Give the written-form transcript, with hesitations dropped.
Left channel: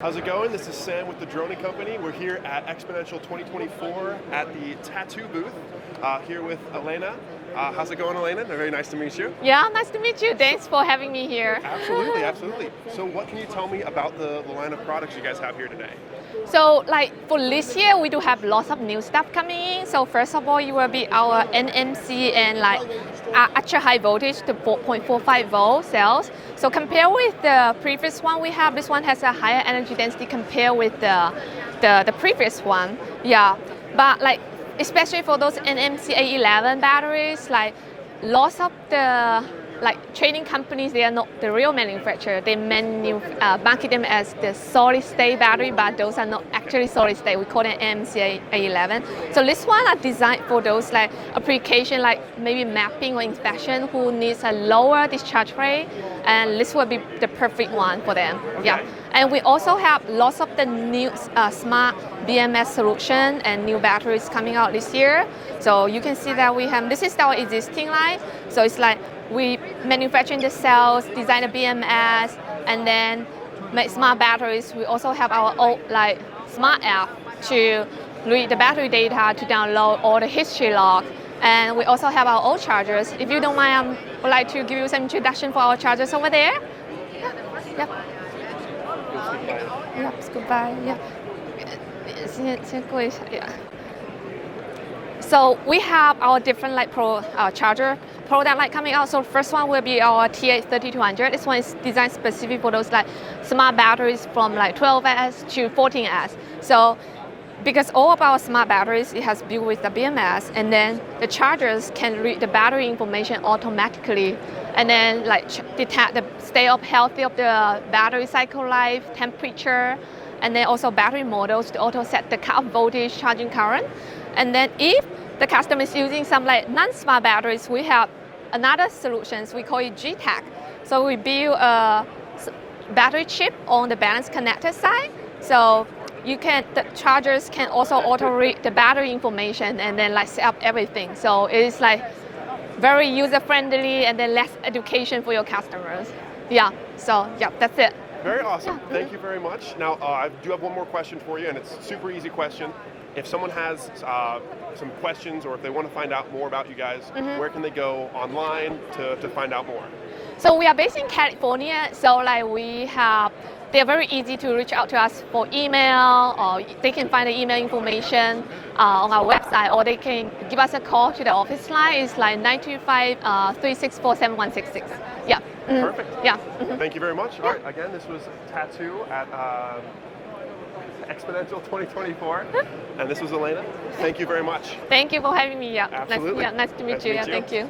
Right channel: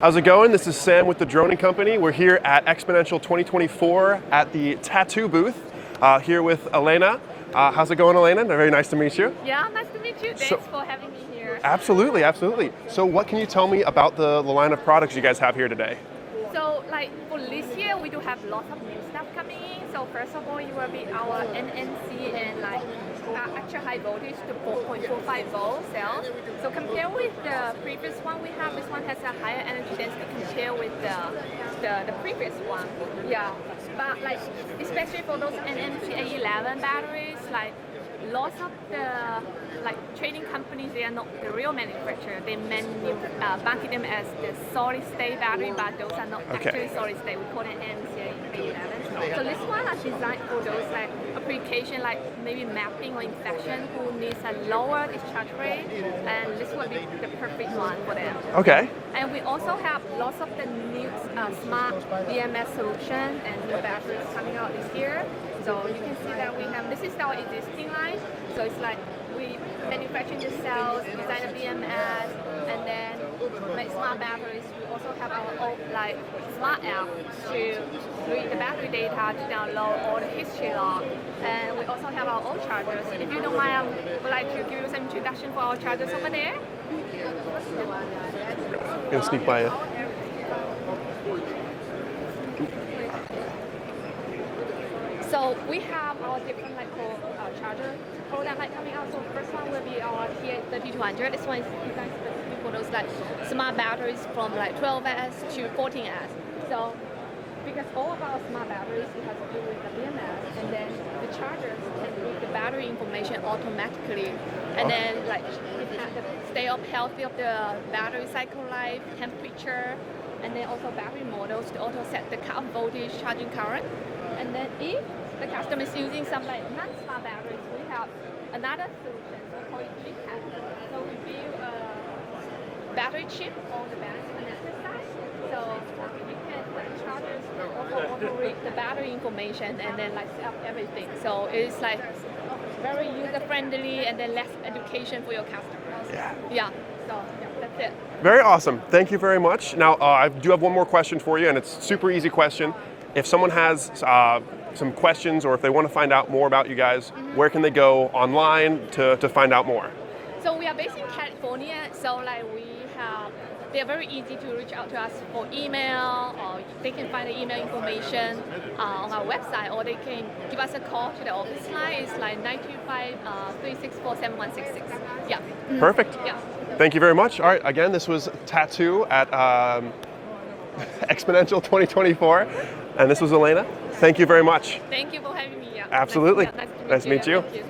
How's it going? This is Sam with the Droning Company. We're here at Xponential 2024 at the Tattu booth, here with Elena. How's it going, Elena? Very nice to meet you. Yeah, nice to meet you. Thanks for having me here. Absolutely, absolutely. So what can you tell me about the line of products you guys have here today? So for this year, we do have lots of new stuff coming in. So first of all, it will be our NMC and ultra high voltage to 4.45 volt cells. So compared with the previous one we have, this one has a higher energy density compared with the previous one. Yeah, but especially for those NMC A11 batteries, lots of the trading companies, they are not the real manufacturer. They market them as the solid state battery, but those are not actually solid state. We call them NMC A11. So this one are designed for those application maybe mapping or inspection who needs a lower discharge rate, and this will be the perfect one for them. Okay. Yeah. And we also have lots of the new smart BMS solution and new batteries coming out this year. So you can see that we have, this is our existing line. So it's we manufacture the cells, design the BMS, and then make smart batteries. We also have our own smart app to read the battery data, to download all the history log. And we also have our own chargers. If you don't mind, I would like to give you some introduction for our chargers over there. Yeah. Gonna sneak by you. Yeah, scoot by. Yeah. Yeah. So we have our different charger product coming out. So first one will be our TA3200. This one is designed specific for those smart batteries from 12S to 14S. So because all of our smart batteries, it has built with the BMS, and then the chargers can read the battery information automatically, and then detect the state of health of the battery cycle life, temperature, and then also battery models to auto set the cut-off voltage, charging current. And then if the customer is using some non-smart batteries, we have another solutions. We call it GTAC. So we build a battery chip on the balance connector side. So the chargers can also auto read the battery information and then set up everything. So it's very user friendly and then less education for your customers. Yeah. So yeah, that's it. Very awesome. Thank you very much. Now I do have one more question for you, and it's a super easy question. If someone has some questions, or if they want to find out more about you guys, where can they go online to find out more? So we are based in California, so they're very easy to reach out to us for email, or they can find the email information on our website, or they can give us a call to the office line. It's 925-364-7166. Yeah. Perfect. Yeah. Thank you very much. All right, again, this was Tattu at Xponential 2024, and this was Elena. Thank you very much. Thank you for having me. Yeah. Absolutely. Nice to meet you. Thank you.